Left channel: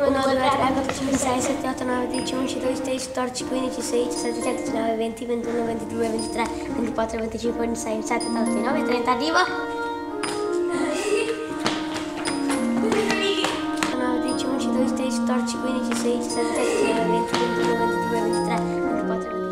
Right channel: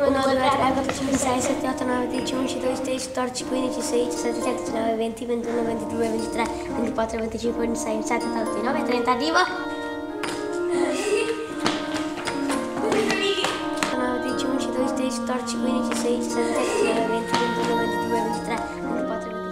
1, 2, 3, 4, 5, 6, 7, 8, 9, 10, 11, 12, 13, 14, 15, 16, 17, 18, 19, 20, 21, 22, 23, 24, 25, 26, 27, 28, 29, 30, arrivo! 9, 10, 11, 12, 13, 14, 15, 16, 17, 18, 19, 20, 21, 22, 23, 24, 25.